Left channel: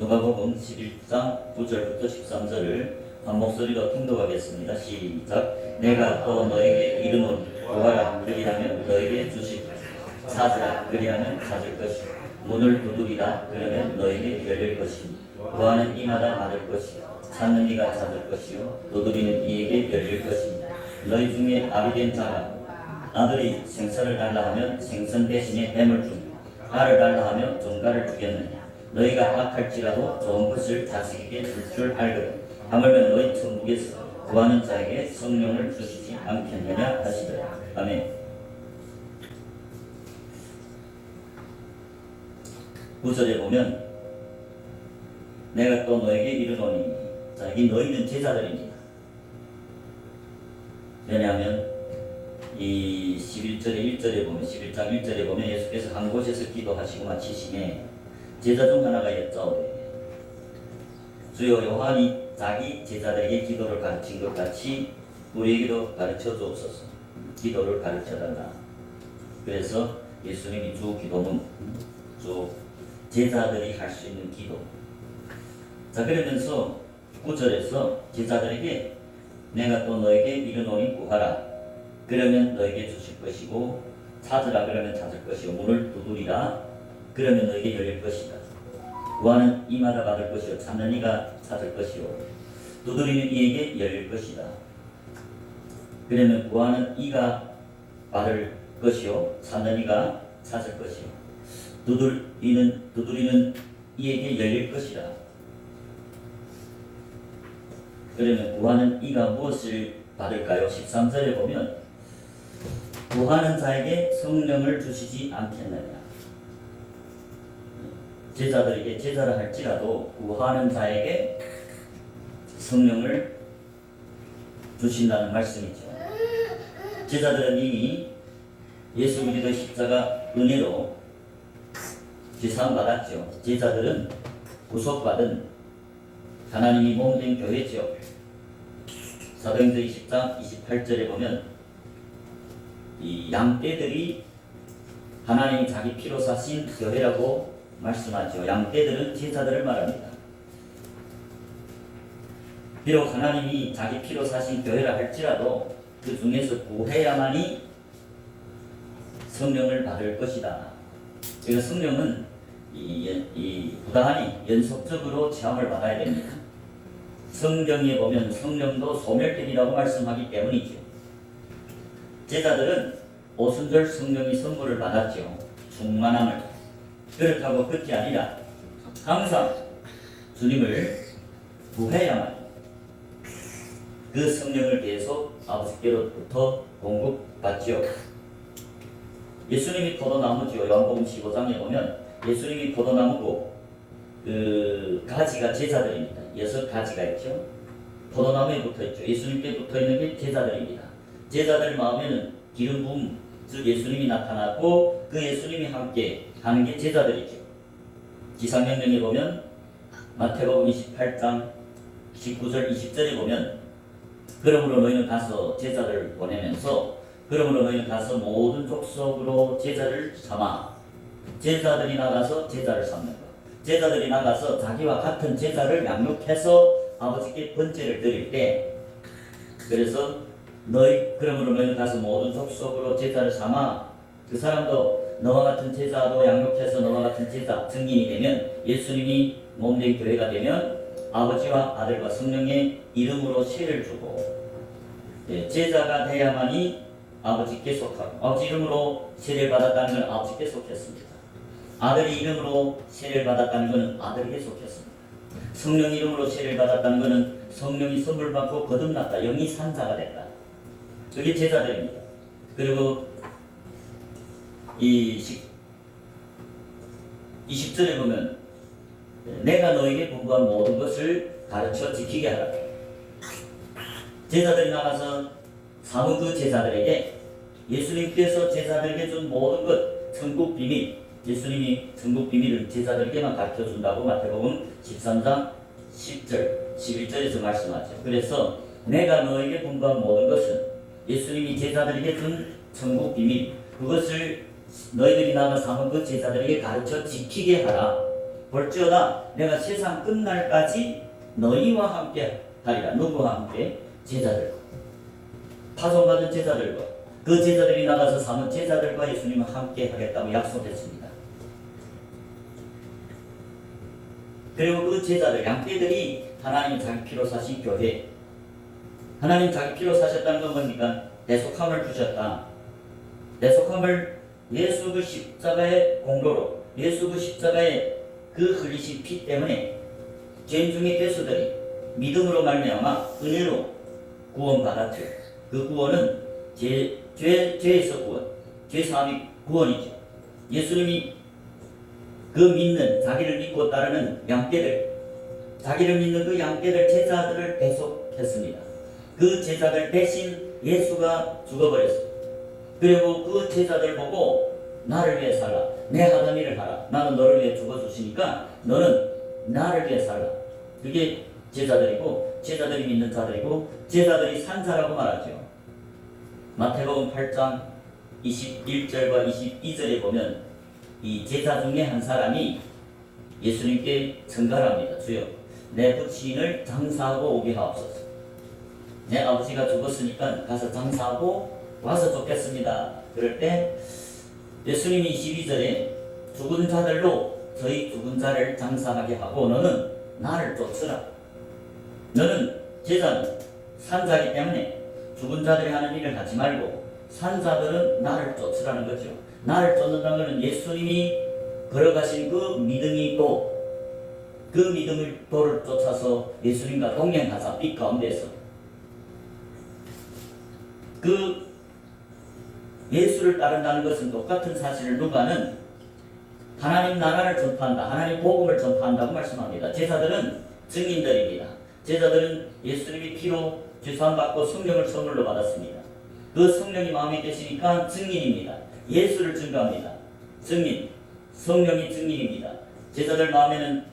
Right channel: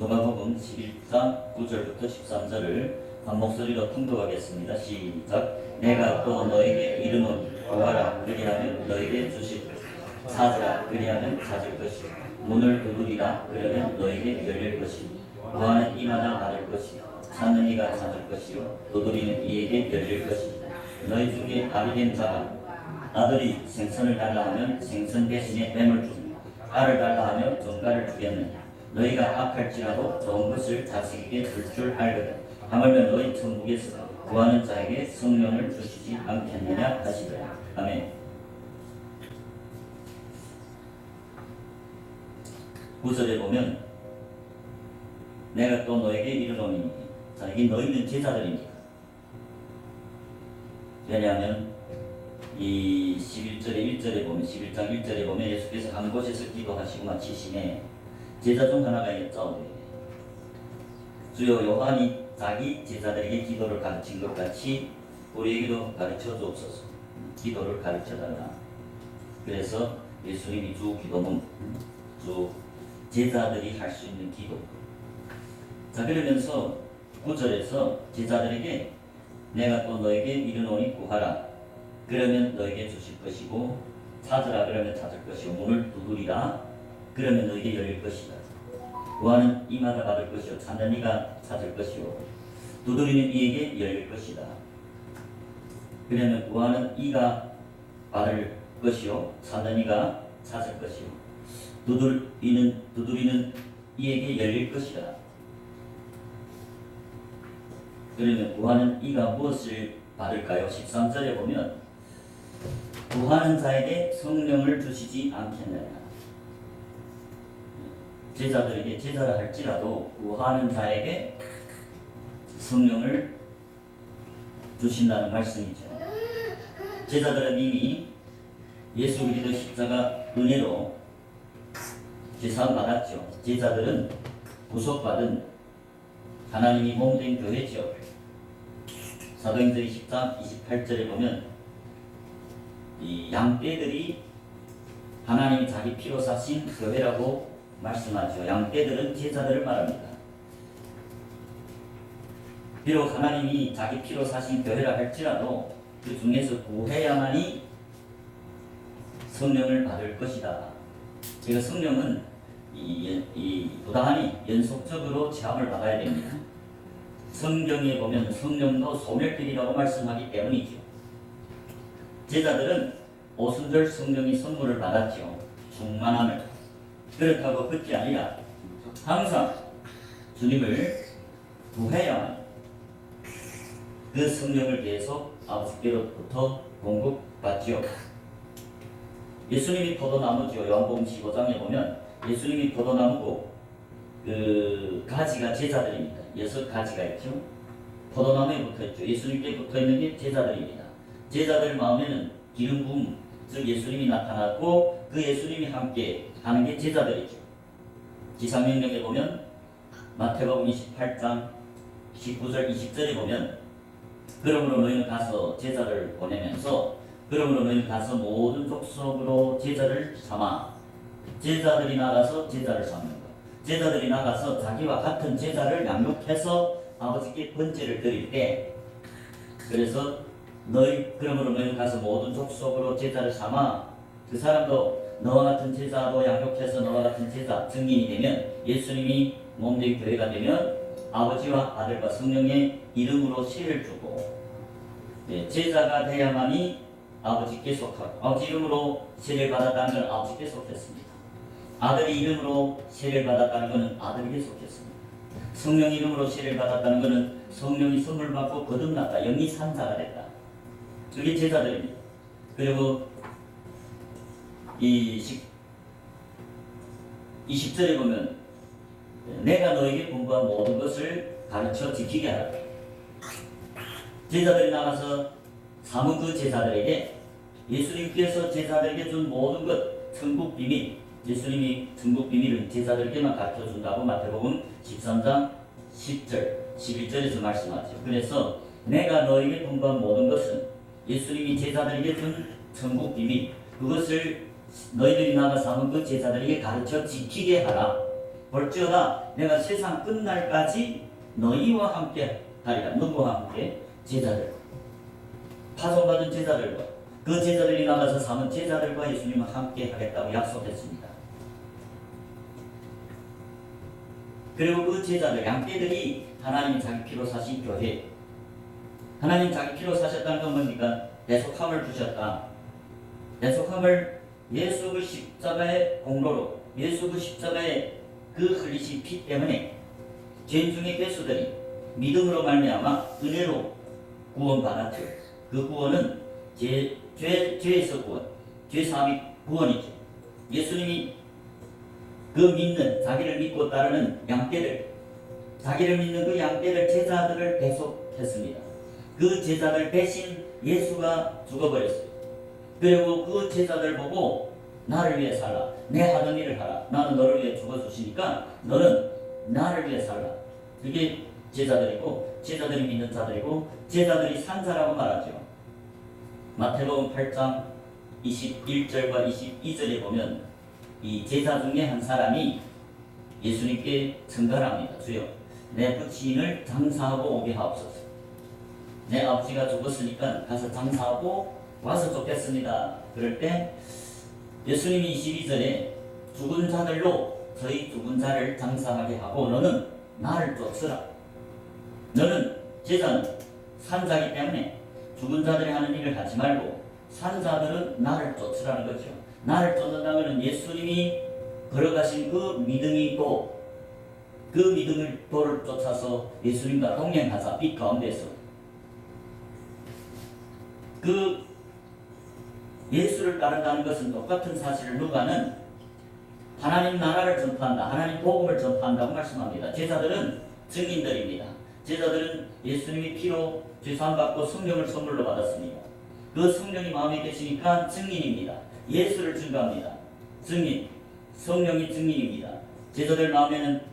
누가복음 11장 9절부터 13절을 한 목소리로 통독하겠습니다. 시작. 내가 또 너에게 이르노니 구하라 그리하면 너에게 주시고 찾으라 그리하면 찾을 것이요 문을 두드리라 그러면 너에게 열릴 것이요 구하는 이마다 받을 것이요 찾는 이가 찾을 것이요 두드리는 이에게 열릴 것이요 너희 중에 아비 된 자가 아들이 생선을 달라 하면 생선 대신에 뱀을 주며 알을 달라 하면 정갈을 주겠느냐. 너희가 악할지라도 좋은 것을 자식에게 줄 줄 알거든. 하물며 너희 천국에서 구하는 자에게 성령을 주시지 않겠느냐 하시더라. 아멘. 9절에 보면 내가 또 너에게 이르노니 자, 여기 너희는 제자들입니다. 왜냐하면 이 11장 1절에 보면 예수께서 한 곳에서 기도하시고 마치심에 제자 중 하나가 여쭤오되 주여 요한이 자기 제자들에게 기도를 가르친 것 같이 우리에게도 가르쳐 주옵소서. 기도를 가르쳐 달라. 그래서 예수님이 주 기도문, 주 제자들이 할 수 있는 기도. 자, 그러면서 9절에서 제자들에게 내가 또 너에게 이르노니 구하라 그러면 너에게 주실 것이고 찾으라 그러면 찾을 것이고 문을 두드리라 그러면 너에게 열릴 것이다. 구하는 이마다 받을 것이요 찾는 이가 찾을 것이요 두드리는 이에게 열릴 것이다. 그러면 구하는 이가 받을 것이요 찾는 이가 찾을 것이요 두드리는 이에게 열릴 것이다. 그러면 구하는 이가 무엇을 받을까요? 13절에 보면 구하는 자에게 성령을 주시지 않겠느냐. 제자들에게 제자라 할지라도 구하는 자에게 성령을 주신다는 말씀이죠. 제자들은 이미 예수 그리스도의 십자가 은혜로 지상받았죠. 제자들은 구속받은 하나님이 몸된 교회죠. 사도행전 20장 28절에 보면 이 양떼들이 하나님이 자기 피로 사신 교회라고 말씀하죠. 양떼들은 제자들을 말합니다. 비록 하나님이 자기 피로 사신 교회라 할지라도 그 중에서 구해야만이 성령을 받을 것이다. 그래서 성령은 부단히 연속적으로 체험을 받아야 됩니다. 성경에 보면 성령도 소멸되리라고 말씀하기 때문이죠. 제자들은 오순절 성령의 선물을 받았죠. 충만함을. 그렇다고 끝이 아니라 항상 주님을 구해야만 그 성령을 계속 아버지께로부터 공급받지요. 예수님이 포도나무죠. 요한복음 15장에 보면 예수님이 포도나무고 그 가지가 제자들입니다. 6가지가 있죠. 포도나무에 붙어있죠. 예수님께 붙어있는 게 제자들입니다. 제자들 마음에는 기름 부음, 즉 예수님이 나타났고 그 예수님이 함께 하는 게 제자들이죠. 지상명령에 보면 마태복음 28장 19절 20절에 보면 그러므로 너희는 가서 제자를 보내면서 그러므로 너희는 가서 모든 족속으로 제자를 삼아 제자들이 나가서 제자를 삼는 것. 제자들이 나가서 자기와 같은 제자를 양육해서 아버지께 번제를 드릴 때 그래서 그러므로 너희 가서 모든 족속으로 제자를 삼아 그 사람도 너와 같은 제자도 양육해서 너와 같은 제자 증인이 되면 예수님이 몸된 교회가 되면 아버지와 아들과 성령의 이름으로 세를 주고 제자가 돼야만이 아버지께 속하고 아버지 이름으로 세례를 받았다는 건 아버지께 속했습니다. 아들이 이름으로 세례를 받았다는 것은 아들에게 속했습니다. 성령 이름으로 세례를 받았다는 것은 성령이 선물 받고 거듭났다. 영이 산자가 됐다. 그게 제자들입니다. 그리고 이 20절에 보면 내가 너에게 공부한 모든 것을 가르쳐 지키게 하라. 제자들이 나가서 삼은 그 제자들에게 예수님께서 제자들에게 준 모든 것 천국 비밀 예수님이 천국 비밀을 제자들에게만 가르쳐 준다고 마태복음 13장 10절 11절에서 말씀하죠. 그래서 내가 너에게 공부한 모든 것은 예수님이 제자들에게 준 천국 비밀 그것을 너희들이 나가 삼은 그 제자들에게 가르쳐 지키게 하라. 볼지어다 내가 세상 끝날까지 너희와 함께 하리라. 누구와 함께? 제자들, 파송받은 제자들과 그 제자들이 나가서 사는 제자들과 예수님은 함께 하겠다고 약속했습니다. 그리고 그 제자들, 양떼들이 하나님 자기 피로 사신 교회, 하나님 자기 피로 사셨다는 건 뭡니까? 대속함을 주셨다. 대속함을 예수 그 십자가의 공로로, 예수 그 십자가의 그 흘리신 피 때문에 죄 중의 괴수들이 믿음으로 말미암아 은혜로 구원받았죠. 그 구원은 죄에서 구원, 죄사함이 구원이죠. 예수님이 그 믿는, 자기를 믿고 따르는 양떼들, 자기를 믿는 그 양떼들, 제자들을 대속했습니다. 그 제자들 대신 예수가 죽어버렸어요. 그리고 그 제자들 보고 나를 위해 살라, 내 하던 일을 하라, 나는 너를 위해 죽어주시니까 너는 나를 위해 살라. 그게 제자들이고, 제자들이 믿는 자들이고, 제자들이 산 자라고 말하죠. 마태복음 8장 21절과 22절에 보면 이 제자 중에 한 사람이 예수님께 증가를 합니다. 주여, 내 부친을 장사하고 오게 하옵소서. 내 아버지가 죽었으니까 가서 장사하고 와서 좋겠습니다. 그럴 때 예수님이 22절에 죽은 자들로 저희 죽은 자를 장사하게 하고 너는 나를 쫓으라. 너는 제자는 산자이기 때문에 죽은 자들이 하는 일을 하지 말고 산자들은 나를 쫓으라는 거죠. 나를 쫓는다는 것은 예수님이 걸어가신 그 믿음이 또 그 믿음을 도를 쫓아서 예수님과 동행하자. 빛 가운데서 그 예수를 따른다는 것은 똑같은 사실을 누가는 하나님 나라를 전파한다, 하나님 복음을 전파한다고 말씀합니다. 제자들은 증인들입니다. 제자들은 예수님이 피로 죄사함 받고 성령을 선물로 받았습니다. 그 성령이 마음에 계시니까 증인입니다. 예수를 증거합니다. 증인, 성령이 증인입니다. 제자들 마음에는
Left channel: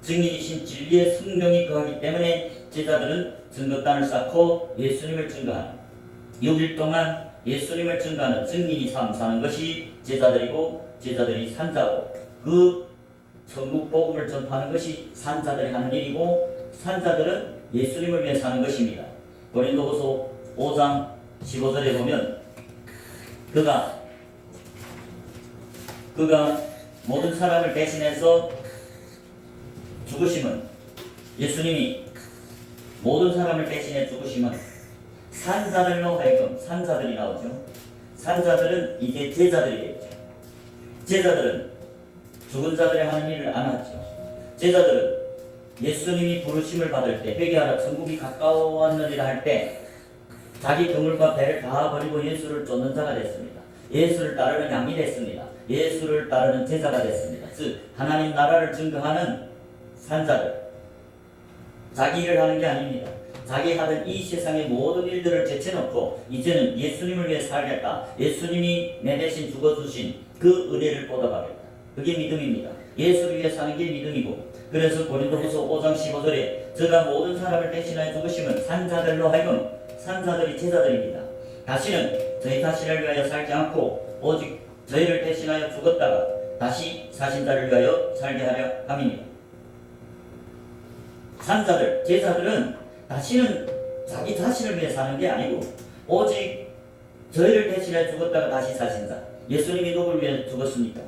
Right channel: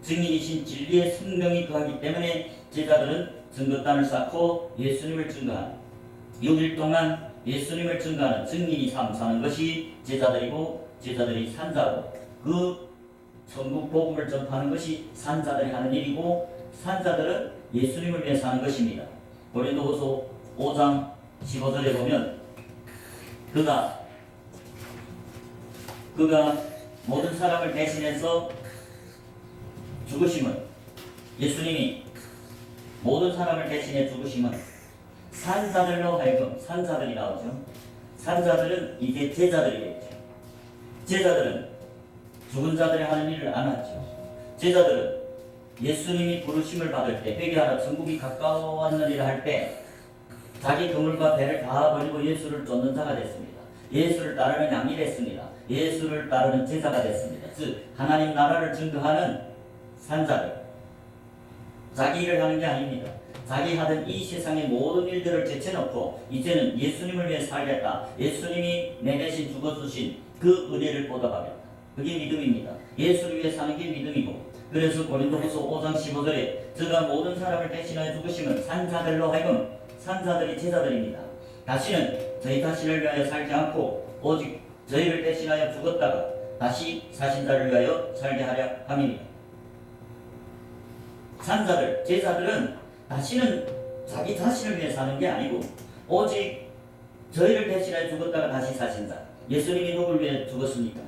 증인이신 진리의 성령이 거하기 때문에 제자들은 증거단을 쌓고 예수님을 증거합니다. 6일 동안 예수님을 증거하는 증인이 사는 것이 제자들이고, 제자들이 산자고, 그 천국 복음을 전파하는 것이 산자들이 하는 일이고, 산자들은 예수님을 위해 사는 것입니다. 고린도후서 5장 15절에 보면 그가 모든 사람을 대신해서 죽으심은, 예수님이 모든 사람을 대신해 죽으심은 산자들로 하여금, 산자들이 나오죠. 산자들은 이제 제자들이겠죠. 제자들은 죽은 자들이 하는 일을 안 하죠. 제자들은 예수님이 부르심을 받을 때, 회개하라 천국이 가까워왔느니라 할 때 자기 그물과 배를 다 버리고 예수를 쫓는 자가 됐습니다. 예수를 따르는 양이 됐습니다. 예수를 따르는 제자가 됐습니다. 즉 하나님 나라를 증거하는 산자들, 자기 일을 하는 게 아닙니다. 자기 하던 이 세상의 모든 일들을 제쳐놓고 이제는 예수님을 위해 살겠다. 예수님이 내 대신 죽어주신 그 은혜를 보답하겠다. 그게 믿음입니다. 예수를 위해 사는 게 믿음이고, 그래서 고린도후서 5장 15절에 저가 모든 사람을 대신하여 죽으시면 산자들로 하여금, 산자들이 제자들입니다. 다시는 저희 자신을 위하여 살지 않고 오직 저희를 대신하여 죽었다가 다시 사신 자를 위하여 살게 하려 함입니다. 산자들, 제자들은 다시는 자기 자신을 위해 사는 게 아니고 오직 저희를 대신해 죽었다가 다시 사신 자. 예수님이 누구를 위해 죽었습니까?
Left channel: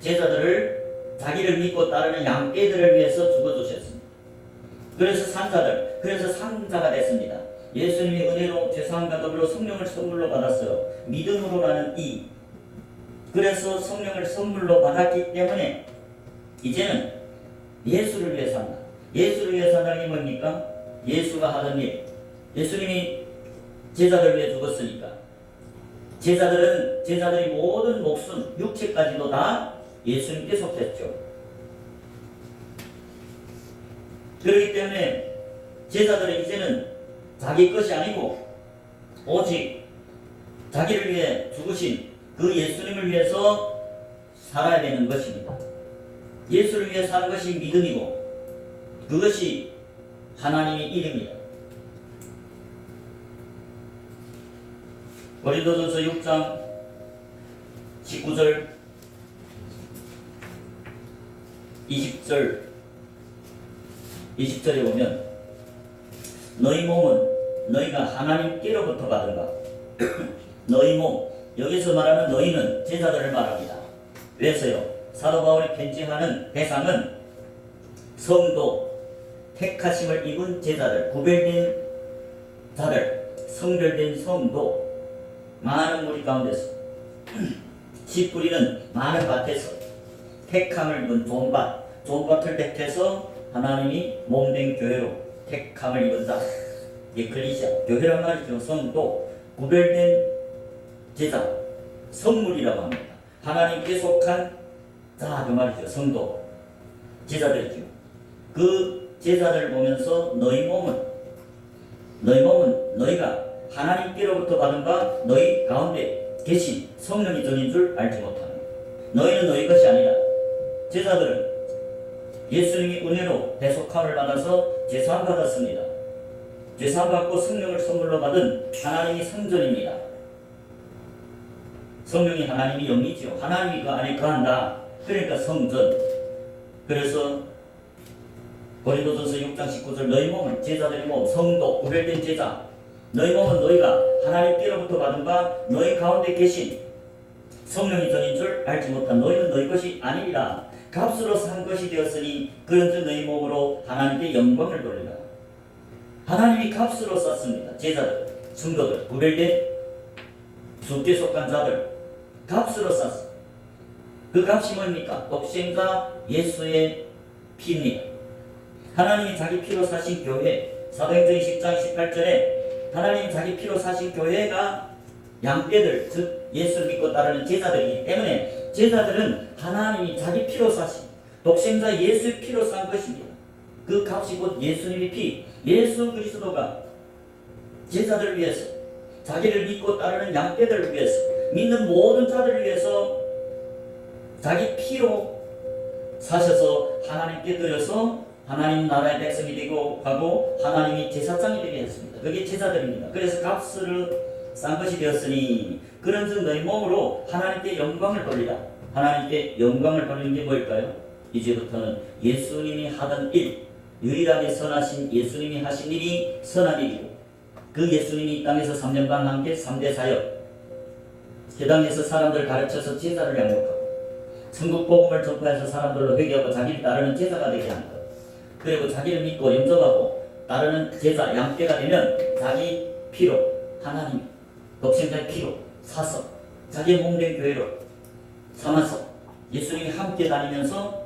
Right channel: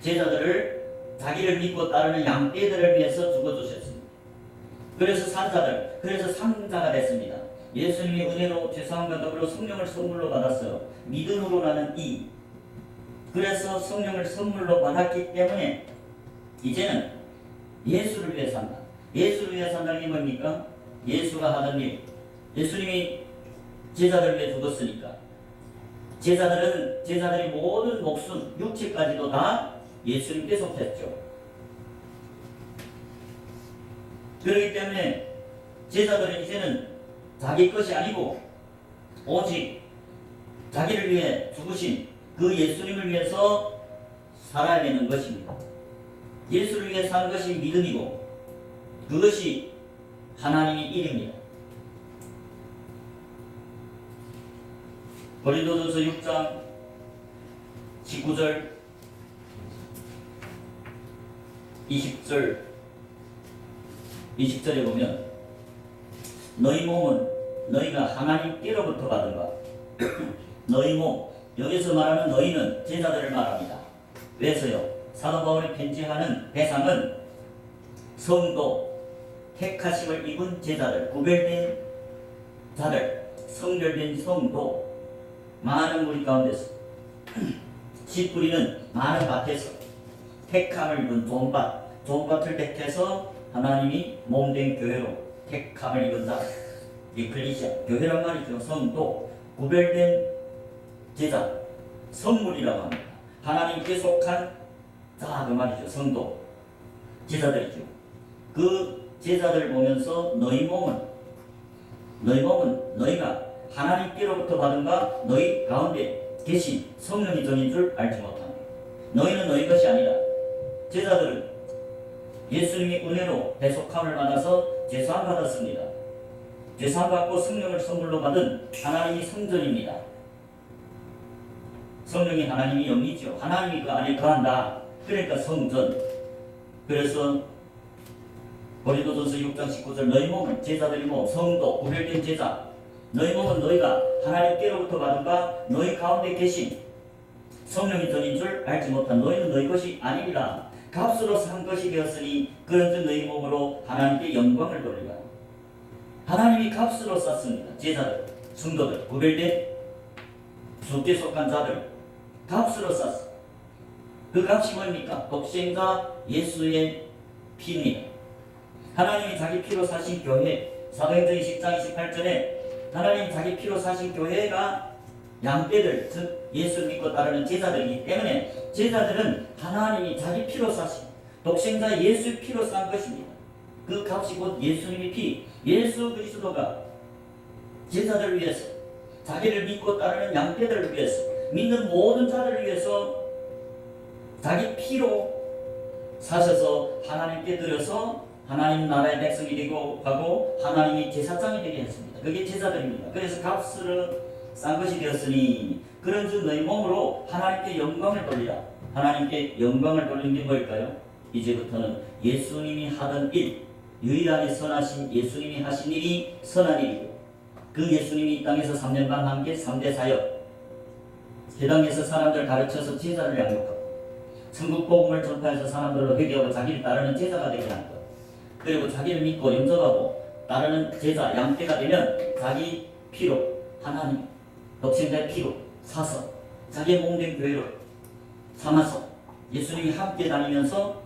제자들을, 자기를 믿고 따르는 양떼들을 위해서 죽어주셨습니다. 그래서 산자들, 그래서 상자가 됐습니다. 예수님이 은혜로 죄사함과 더불어 성령을 선물로 받았어요. 믿음으로 나는 이. 그래서 성령을 선물로 받았기 때문에 이제는 예수를 위해 산다. 예수를 위해 산다는 게 뭡니까? 예수가 하던 일. 예수님이 제자들 위해 죽었으니까 제자들이 모든 목숨, 육체까지도 다 예수님께 속했죠. 그렇기 때문에 제자들은 이제는 자기 것이 아니고 오직 자기를 위해 죽으신 그 예수님을 위해서 살아야 되는 것입니다. 예수를 위해 사는 것이 믿음이고 그것이 하나님의 일입니다. 고린도전서 6장 19절 20절 20절에 보면 너희 몸은 너희가 하나님께로부터 받은 바 너희 몸, 여기서 말하는 너희는 제자들을 말합니다. 그래서요 사도 바울이 편지하는 대상은 성도, 택하심을 입은 제자들, 구별된 자들, 성별된 성도, 많은 무리 가운데서 씨 뿌리는 많은 밭에서 택함을 입은 좋은 밭을 택해서 하나님이 몸된 교회로 택함을 입은 자, 에클리시아, 교회란 말이죠. 성도, 구별된 제자, 성물이라고 합니다. 하나님께 속한 자, 그 말이죠. 성도, 제자들이죠. 그 제자들을 보면서 너희 몸은 너희가 하나님께로부터 받은 바 너희 가운데 계신 성령이 전인 줄 알지 못합니다. 너희는 너희 것이 아니라 제자들은 예수님이 은혜로 대속함을 받아서 죄사함 받았습니다. 죄사함 받고 성령을 선물로 받은 하나님이 성전입니다. 성령이 하나님이 영이죠. 하나님이 그 안에 거한다. 그러니까 성전. 그래서 고린도전서 6장 19절 너희 몸은 제자들이 몸 성도 구별된 제자 너희 몸은 너희가 하나님께로부터 받은 바 너희 가운데 계신 성령이 전인 줄 알지 못한 너희는 너희 것이 아니라 값으로 산 것이 되었으니 그런즉 너희 몸으로 하나님께 영광을 돌리라. 하나님이 값으로 쌌습니다. 제자들, 성도들, 구별된 주께 속한 자들 값으로 쌌어. 그 값이 뭡니까? 독생자 예수의 피입니다. 하나님이 자기 피로 사신 교회, 사도행전 10장 28절에 하나님이 자기 피로 사신 교회가 양떼들, 즉 예수 믿고 따르는 제자들이기 때문에 제자들은 하나님이 자기 피로 사신 독생자 예수의 피로 산 것입니다. 그 값이 곧 예수님의 피, 예수 그리스도가 제자들을 위해서, 자기를 믿고 따르는 양떼들을 위해서, 믿는 모든 자들을 위해서 자기 피로 사셔서 하나님께 드려서 하나님 나라의 백성이 되고 가고 하나님이 제사장이 되게 했습니다. 그게 제자들입니다. 그래서 값을 싼 것이 되었으니 그런즉 너희 몸으로 하나님께 영광을 돌리라. 하나님께 영광을 돌리는 게 뭘까요? 이제부터는 예수님이 하던 일, 유일하게 선하신 예수님이 하신 일이 선한 일이고 그 예수님이 이 땅에서 3년간 한 게 3대 사역, 세상에서 사람들 가르쳐서 제자를 양육하고 천국 복음을 전파해서 사람들로 회개하고 자기를 따르는 제자가 되게 하는 것, 그리고 자기를 믿고 영접하고 따르는 제자, 양떼가 되면 자기 피로, 하나님 독생자의 피로 사서 자기의 몸된 교회로 삼아서 예수님이 함께 다니면서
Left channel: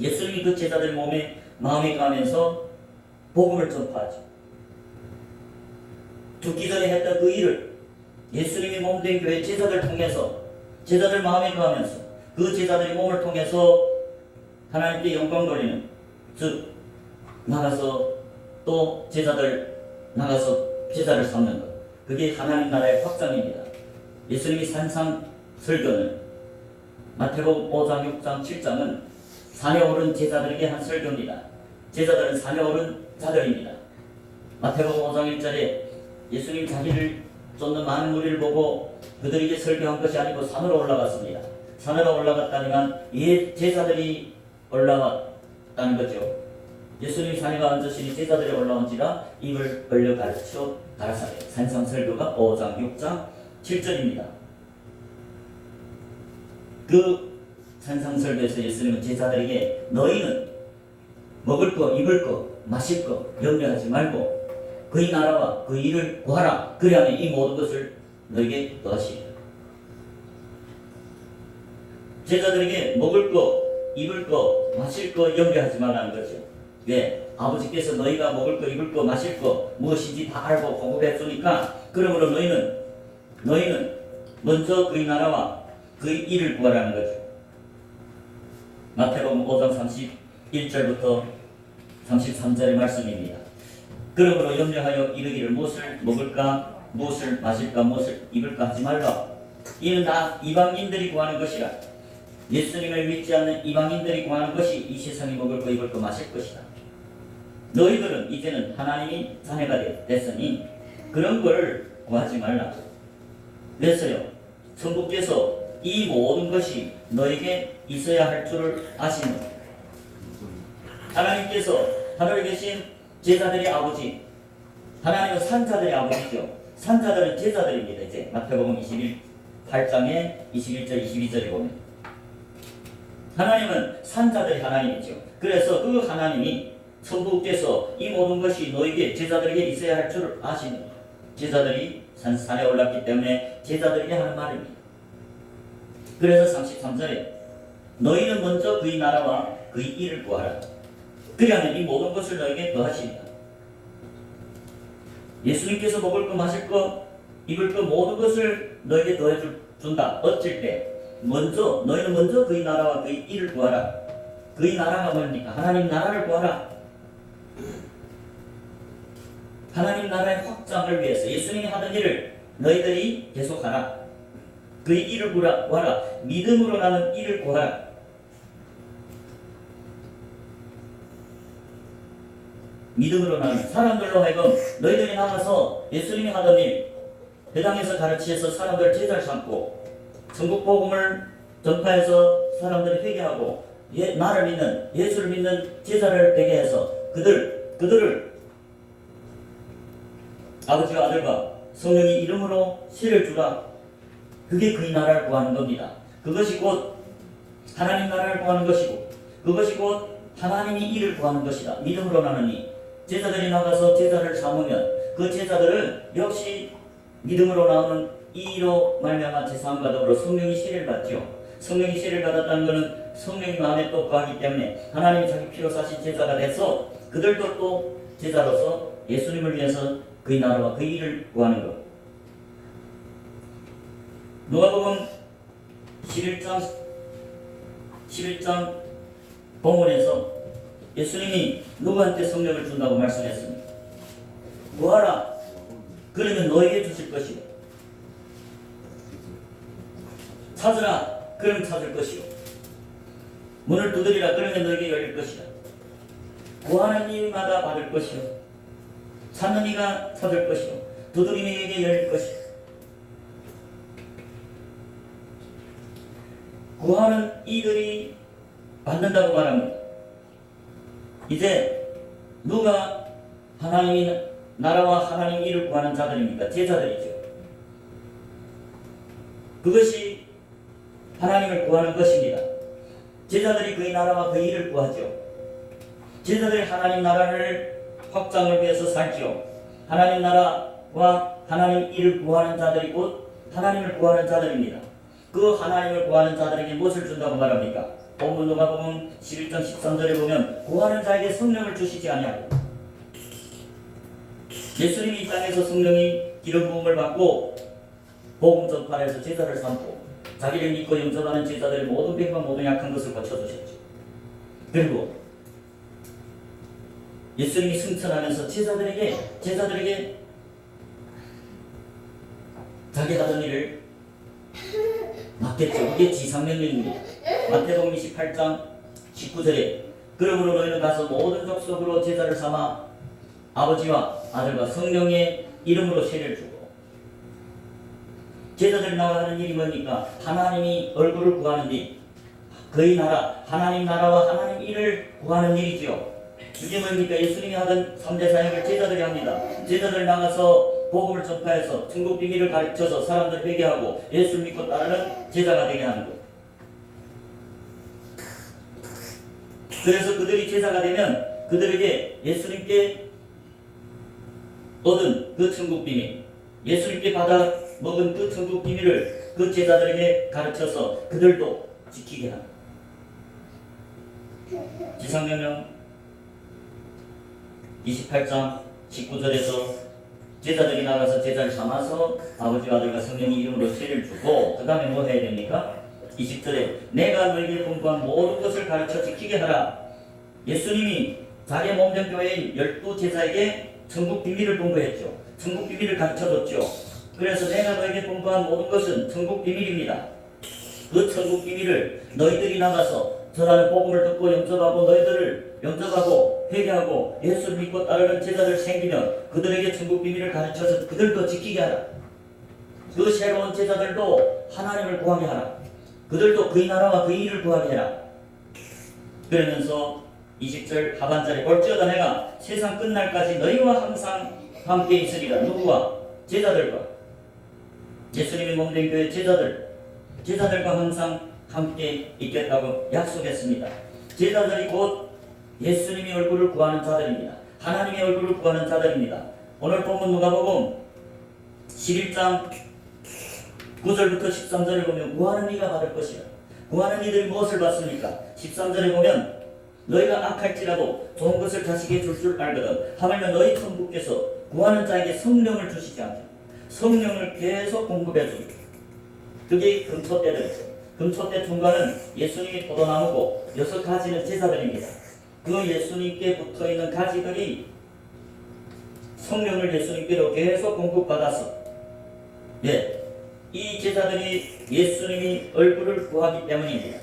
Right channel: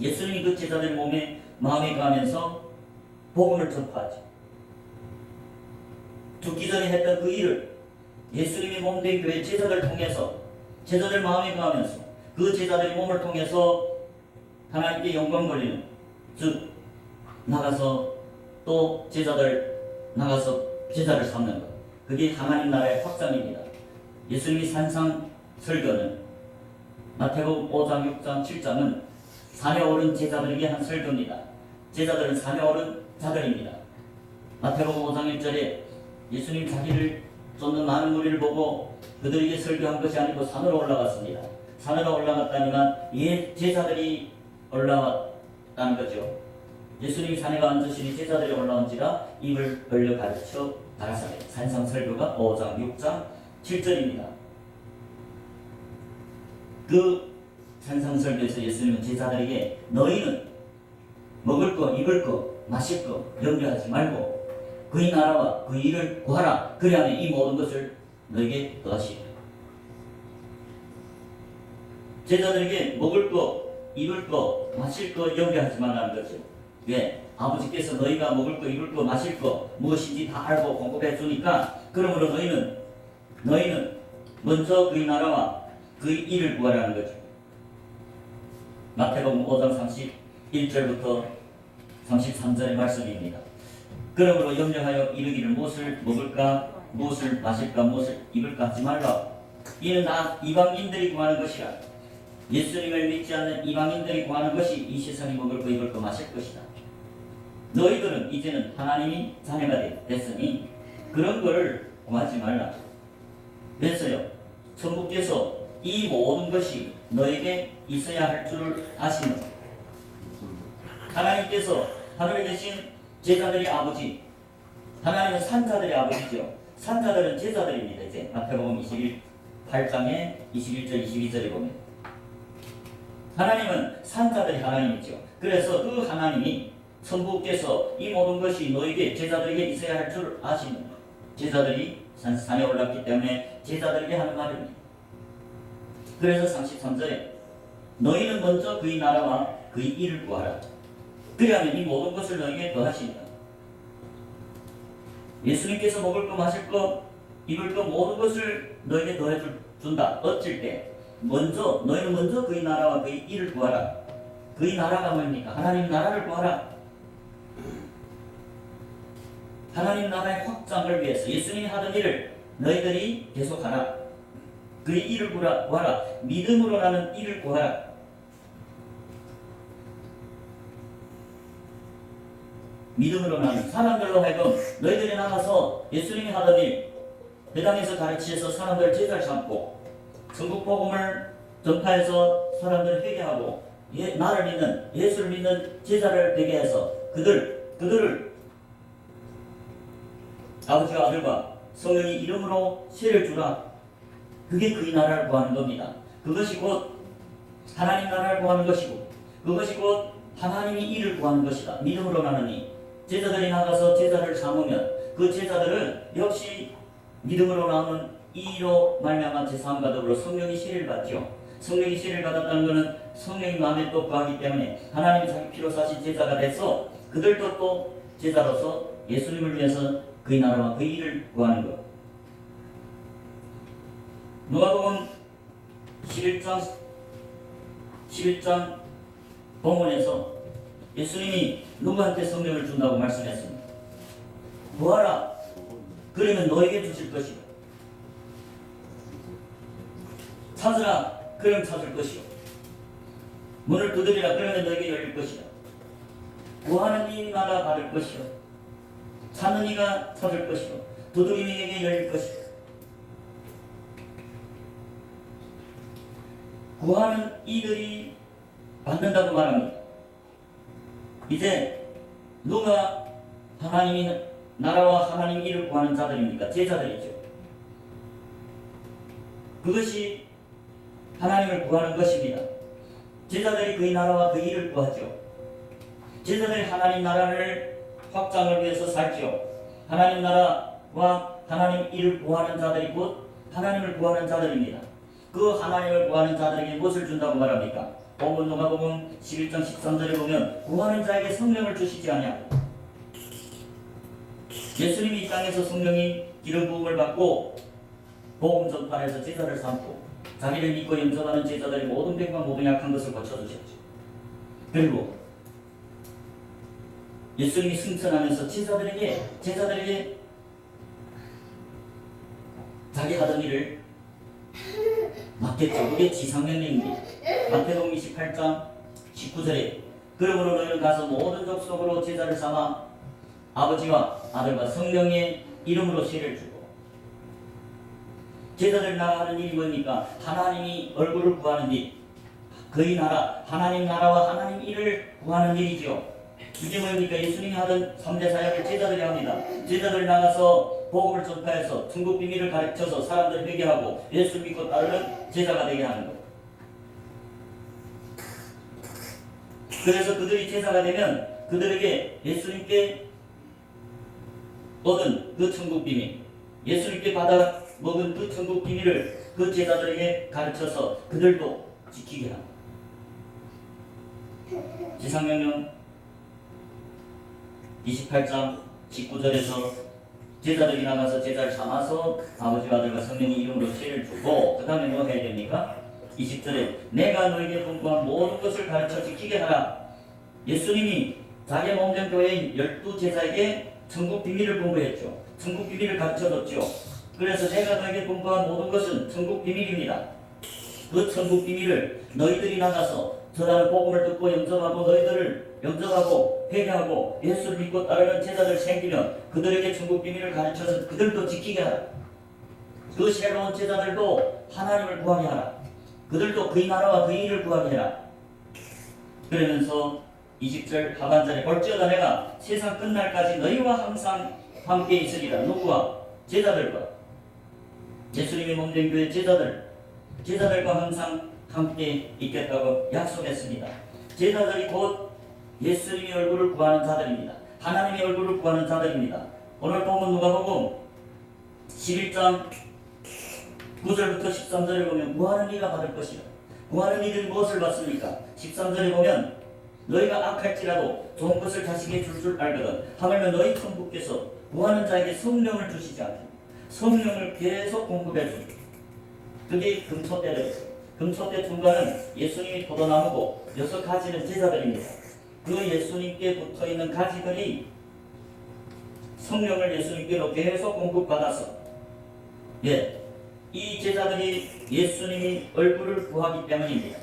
예수님이 그 제자들 몸에 마음에 가면서 복음을 전파하죠. 죽기 전에 했던 그 일을 예수님이 몸된 교회 제자들 통해서 제자들 마음에 가면서 그 제자들의 몸을 통해서 하나님께 영광 돌리는, 즉 나가서 또 나가서 제자를 삼는 것, 그게 하나님 나라의 확장입니다. 예수님이 산상 설교는 마태복음 5장, 6장, 7장은 산에 오른 제자들에게 한 설교입니다. 제자들은 산에 오른 자들입니다. 마태복음 5장 1절에 예수님 자기를 쫓는 많은 무리를 보고 그들에게 설교한 것이 아니고 산으로 올라갔습니다. 산으로 올라갔다니만 제자들이 올라왔다는 거죠. 예수님이 산에 앉으시니 제자들이 올라온지라 입을 벌려 가르쳐 가라사대. 산상설교가 5장, 6장, 7절입니다. 그 산상설교에서 예수님은 제자들에게 너희는 먹을 거, 입을 거, 마실 거 염려하지 말고 그의 나라와 그 일을 구하라. 그리하면 이 모든 것을 너에게 또다시. 제자들에게 먹을 거, 입을 거, 마실 거 염려하지 말라는 거죠. 왜? 아버지께서 너희가 먹을 거, 입을 거, 마실 거 무엇인지 다 알고 공급해 주니까 그러므로 너희는 먼저 그의 나라와 그의 일을 구하라는 거죠. 마태복음 5장 31절부터 33절의 말씀입니다. 그러므로 염려하여 이르기를 무엇을 먹을까, 무엇을 마실까, 무엇을 입을까 하지 말라. 이는 다 이방인들이 구하는 것이라. 예수님을 믿지 않는 이방인들이 구하는 것이 이 세상에 먹을 거, 입을 거, 마실 것이다. 너희들은 이제는 하나님이 자녀가 됐으니 그런 거를 구하지 말라. 그래서요, 천국께서 이 모든 것이 너에게 있어야 할 줄을 아시는, 하나님께서 하늘에 계신 제자들이 아버지, 하나님은 산자들이 아버지죠. 산자들은 제자들입니다. 이제 마태복음 8장에 21절 22절에 보면 하나님은 산자들이 하나님이죠. 그래서 그 하나님이 성부께서 이 모든 것이 너에게 제자들에게 있어야 할 줄 아시는 제자들이 산에 올랐기 때문에 제자들에게 하는 말입니다. 그래서 33절에 너희는 먼저 그의 나라와 그의 일을 구하라. 그리하면 이 모든 것을 너에게 더하시리라. 예수님께서 먹을 것, 마실 것, 입을 것 모든 것을 너에게 더해 준다. 어쩔 때 먼저 너희는 먼저 그의 나라와 그의 일을 구하라. 그의 나라가 뭡니까? 하나님 나라를 구하라. 하나님 나라의 확장을 위해서 예수님이 하던 일을 너희들이 계속하라. 그의 일을 구하라. 믿음으로 나는 일을 구하라. 믿음으로 나는 사람들로 하여금 너희들이 나가서 예수님이 하던 일 회당에서 가르치셔서 사람들을 제자를 삼고 천국 복음을 전파해서 사람들을 회개하고 나를 믿는 예수를 믿는 제자를 되게 해서 그들을 아버지와 아들과 성령의 이름으로 세를 주라. 그게 그의 나라를 구하는 겁니다. 그것이 곧 하나님 나라를 구하는 것이고 그것이 곧 하나님이 일을 구하는 것이다. 믿음으로 나는 일. 제자들이 나가서 제자를 삼으면 그 제자들은 역시 믿음으로 나오는 이로 말미암아 제사함과 더불어 성령이 세례를 받죠. 성령이 세례를 받았다는 것은 성령이 마음에 또 거하기 때문에 하나님이 자기 피로 사신 제자가 돼서 그들도 또 제자로서 예수님을 위해서 그의 나라와 그의 일을 구하는 것. 누가복음 11장 본문에서 예수님이 누구한테 성령을 준다고 말씀했습니다. 구하라. 그러면 너에게 주실 것이요. 찾으라. 그럼 찾을 것이요. 문을 두드리라. 그러면 너에게 열릴 것이다. 구하는 이마다 받을 것이요. 찾는 이가 찾을 것이요. 두드리는 이에게 열릴 것이요. 구하는 이들이 받는다고 말합니다. 이제 누가 하나님의 나라와 하나님 일을 구하는 자들입니까? 제자들이죠. 그것이 하나님을 구하는 것입니다. 제자들이 그의 나라와 그 일을 구하죠. 제자들이 하나님 나라를 확장을 위해서 살죠. 하나님 나라와 하나님 일을 구하는 자들이 곧 하나님을 구하는 자들입니다. 그 하나님을 구하는 자들에게 무엇을 준다고 말합니까? 본문 누가복음 11장 13절에 보면 구하는 자에게 성령을 주시지 아니하고 예수님이 이 땅에서 성령이 기름 부음을 받고 복음 전파해서 제자를 삼고 자기를 믿고 영접하는 제자들의 모든 병과 모든 약한 것을 고쳐주셨죠. 그리고 예수님이 승천하면서 제자들에게 자기 하던 일을 맡겼죠. 그게 지상명령입니다. 마태복음 28장 19절에 그러므로 너희는 가서 모든 족속으로 제자를 삼아 아버지와 아들과 성령의 이름으로 세례를 주고 제자들 나가는 일이 뭡니까? 하나님이 얼굴을 구하는 일, 그의 나라, 하나님 나라와 하나님 일을 구하는 일이죠. 이게 뭡니까? 예수님이 하던 3대 사역을 제자들이 합니다. 제자들 나가서 복음을 전파해서 천국 비밀을 가르쳐서 사람들을 되게 하고 예수를 믿고 따르는 제자가 되게 하는 것. 그래서 그들이 제자가 되면 그들에게 예수님께 얻은 그 천국 비밀, 예수님께 받아 먹은 그 천국 비밀을 그 제자들에게 가르쳐서 그들도 지키게 합니다. 지상명령 28장 19절에서 제자들이 나가서 제자를 삼아서 아버지와 아들과 성령의 이름으로 세례를 주고 그 다음에 뭐 해야 됩니까? 20절에 내가 너에게 공부한 모든 것을 가르쳐 지키게 하라. 예수님이 자기 몸전 교회인 12제자에게 천국 비밀을 공부했죠. 천국 비밀을 가르쳐줬죠. 그래서 내가 너에게 공부한 모든 것은 천국 비밀입니다. 그 천국 비밀을 너희들이 나가서 전하는 복음을 듣고 영접하고 너희들을 영접하고 회개하고 예수를 믿고 따르는 제자들 생기면 그들에게 천국 비밀을 가르쳐서 그들도 지키게 하라. 그 새로운 제자들도 하나님을 구하게 하라. 그들도 그의 나라와 그의 일을 구하게 해라. 그러면서 20절 하반절에 볼지어다 내가 세상 끝날까지 너희와 항상 함께 있으리라. 누구와? 제자들과. 예수님이 몸된 교회 제자들과 항상 함께 있겠다고 약속했습니다. 제자들이 곧 예수님의 얼굴을 구하는 자들입니다. 하나님의 얼굴을 구하는 자들입니다. 오늘 본문 누가복음 11장 9절부터 13절에 보면 구하는 이가 받을 것이라. 구하는 이들이 무엇을 받습니까? 13절에 보면 너희가 악할지라도 좋은 것을 자식에게 줄 알거든. 하물며 너희 큰 부께서 구하는 자에게 성령을 주시지 않게 성령을 계속 공급해 줍니다. 그게 금초대들이죠. 금초대 중간은 예수님이 포도나무고 6가지는 제자들입니다. 그 예수님께 붙어있는 가지들이 성령을 예수님께로 계속 공급받아서 이 제자들이 예수님의 얼굴을 구하기 때문입니다.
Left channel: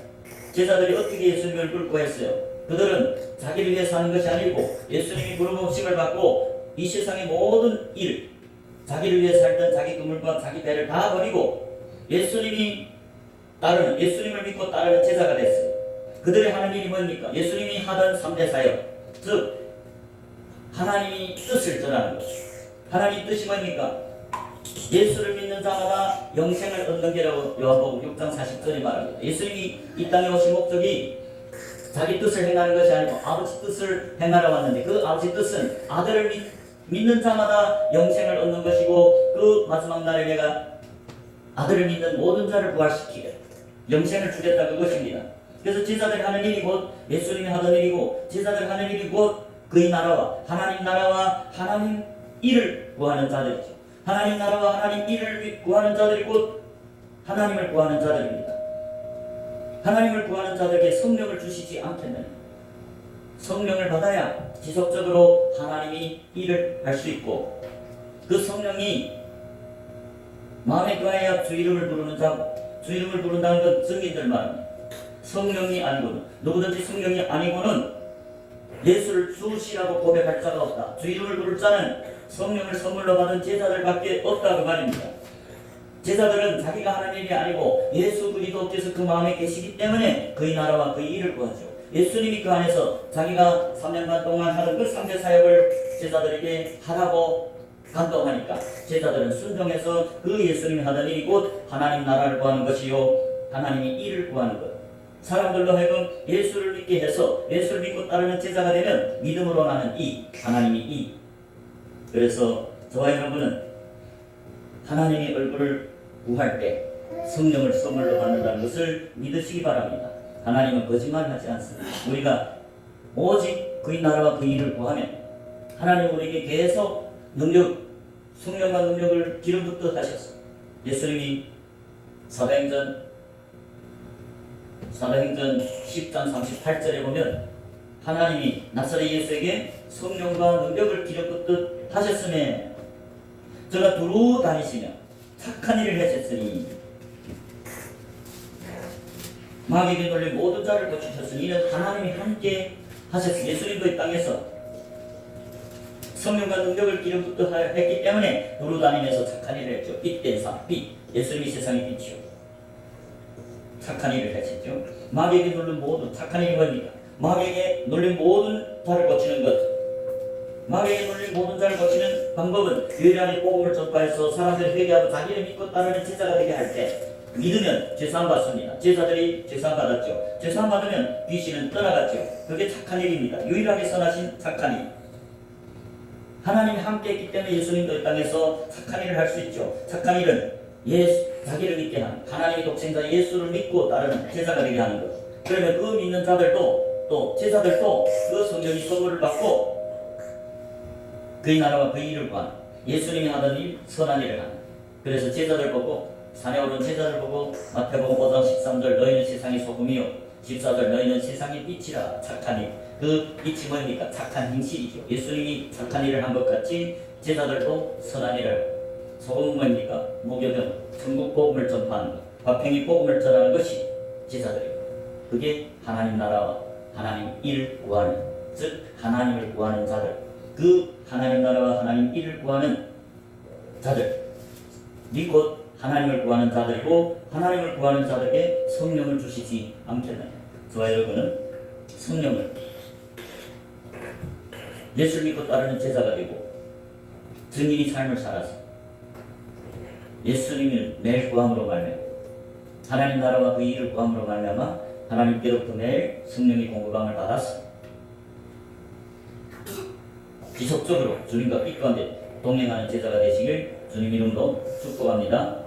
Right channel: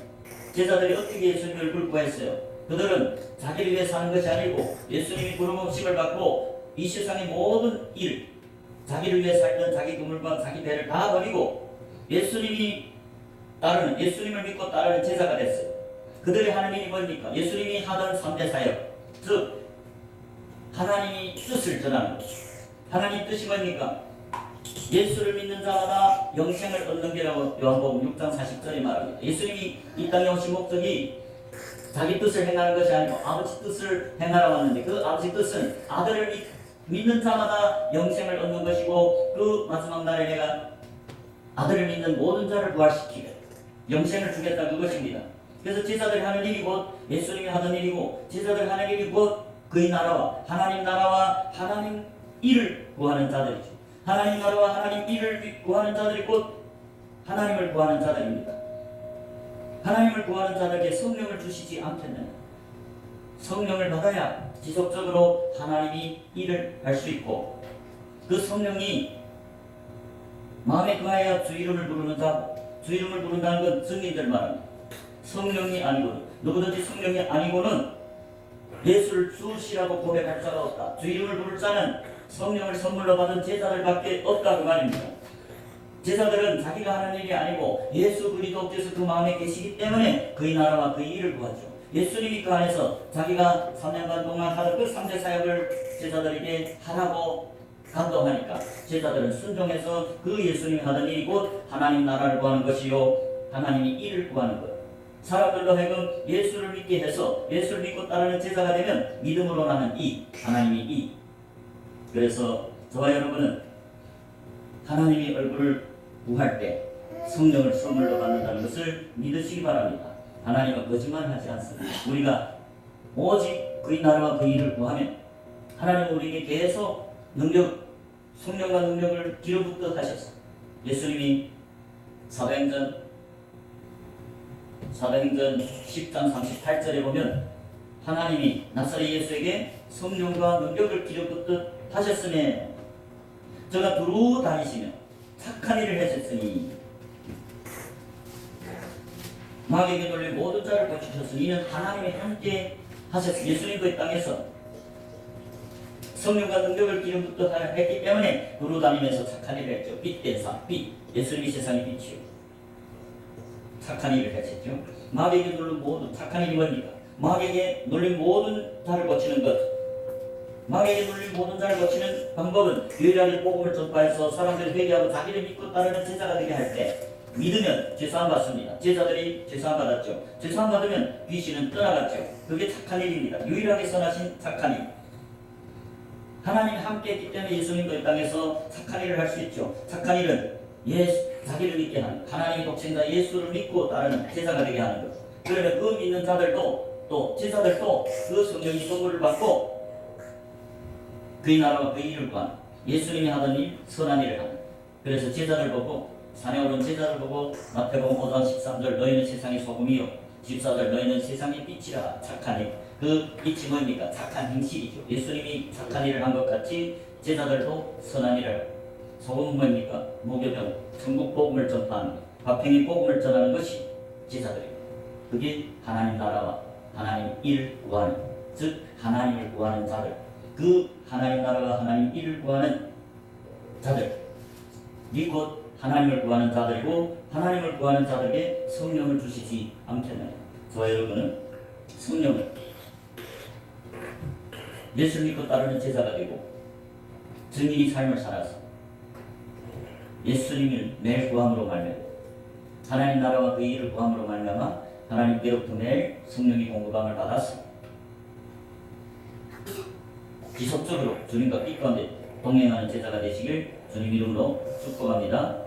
제자들이 어떻게 예수님의 얼굴을 구했어요? 그들은 자기를 위해서 하는 것이 아니고 예수님이 부르심을 받고 이 세상의 모든 일, 자기를 위해 살던 자기 그물과 자기 배를 다 버리고 예수님을 믿고 따르는 제자가 됐어요. 그들의 하는 일이 뭡니까? 예수님이 하던 3대 사역, 즉 하나님이 뜻을 전하는 것. 하나님 뜻이 뭡니까? 예수를 믿는 자마다 영생을 얻는 게라고 요한복음 6장 40절에 말합니다. 예수님이 이 땅에 오신 목적이 자기 뜻을 행하는 것이 아니고 아버지 뜻을 행하러 왔는데 그 아버지 뜻은 아들을 믿는 자마다 영생을 얻는 것이고 그 마지막 날에 내가 아들을 믿는 모든 자를 부활시키려 영생을 주겠다 그것입니다. 그래서 제자들이 하는 일이 곧 예수님이 하던 일이고 제자들이 하는 일이 곧 그의 나라와 하나님 일을 구하는 자들이죠. 하나님 나라와 하나님 일을 구하는 자들이 곧 하나님을 구하는 자들입니다. 하나님을 구하는 자들에게 성령을 주시지 않겠느냐. 성령을 받아야 지속적으로 하나님이 일을 할 수 있고 그 성령이 마음에 거하여 주 이름을 부르는 자, 주 이름을 부른다는 건 증인들 말입니다. 성령이 아니고는 누구든지 성령이 아니고는 예수를 주시라고 고백할 자가 없다. 주 이름을 부를 자는 성령을 선물로 받은 제자들밖에 없다 그 말입니다. 제자들은 자기가 하는 일이 아니고 예수 그리스도께서 그 마음에 계시기 때문에 그의 나라와 그의 일을 구하죠. 예수님이 그 안에서 자기가 3년간 동안 하던 그 3대 사역을 제자들에게 하라고 간도하니까 제자들은 순종해서 그 예수님이 하던 일이 곧 하나님 나라를 구하는 것이요 하나님의 일을 구하는 것. 사람들도 하여금 예수를 믿게 해서 예수를 믿고 따르는 제자가 되면 믿음으로 나는 이 하나님이 이. 그래서 저와 여러분은 하나님의 얼굴을 구할 때 성령을 선물로 받는다는 것을 믿으시기 바랍니다. 하나님은 거짓말하지 않습니다. 우리가 오직 그의 나라와 그의 일을 구하면 하나님은 우리에게 계속 성령과 능력을 기름붓듯 하셨습니다. 예수님이 사도행전 10장 38절에 보면 하나님이 나사렛 예수에게 성령과 능력을 기름붓듯 하셨으며 저가 두루 다니시며 착한 일을 하셨으니 마귀에게 놀린 모든 자를 고치셨으니 이는 하나님이 함께 하셨으니 예수님도 이 땅에서 성령과 능력을 기름붓듯 했기 때문에 두루 다니면서 착한 일을 했죠. 빛된 사, 빛, 예수님이 세상의 빛이요 착한 일을 하셨죠. 마귀에게 놀린 모든 착한 일이 뭡니까? 마귀에게 놀린 모든 자를 고치는 것. 마귀에게 놀린 모든 자를 고치는 방법은 유일한 복음을 전파해서 사람들이 회개하고 자기를 믿고 따르는 제자가 되게 할 때 믿으면 죄사함 받습니다. 제자들이 죄사함 받았죠. 죄사함 받으면 귀신은 떠나갔죠. 그게 착한 일입니다. 유일하게 선하신 착한 일. 하나님이 함께 했기 때문에 예수님도 이 땅에서 착한 일을 할 수 있죠. 착한 일은 자기를 믿게 하는 하나님의 독생자 예수를 믿고 따르는 제자가 되게 하는 것. 그러면 그 믿는 자들도 또 제자들도 그 성령의 선물을 받고 그의 나라와 그의 일을 구하는 예수님이 하던 일 선한 일을 하는. 그래서 제자들 보고 산에 오른 제자들 보고 마태복음 5장 13절 너희는 세상의 소금이요 14절 너희는 세상의 빛이라. 착한 일. 그 빛이 뭡니까? 착한 행실이죠. 예수님이 착한 일을 한 것 같이 제자들도 선한 일을 하고 소금은 뭡니까? 무교병, 천국 복음을 전파하는 화평의 복음을 전하는 것이 제자들입니다. 그게 하나님 나라와 하나님 일을 구하는, 즉 하나님을 구하는 자들, 그 하나님 나라와 하나님 일을 구하는 자들, 이 곧 하나님을 구하는 자들이고 하나님을 구하는 자들에게 성령을 주시지 않겠느냐. 저와 여러분은 성령을 예수를 믿고 따르는 제자가 되고 증인이 삶을 살아서 예수님을 매일 구함으로 말미암아 하나님 나라와 그 일을 구함으로 말미암아 하나님께로부터 매일 성령의 공급함을 받았어 지속적으로 주님과 기꺼운데 동행하는 제자가 되시길 주님 이름으로 축복합니다.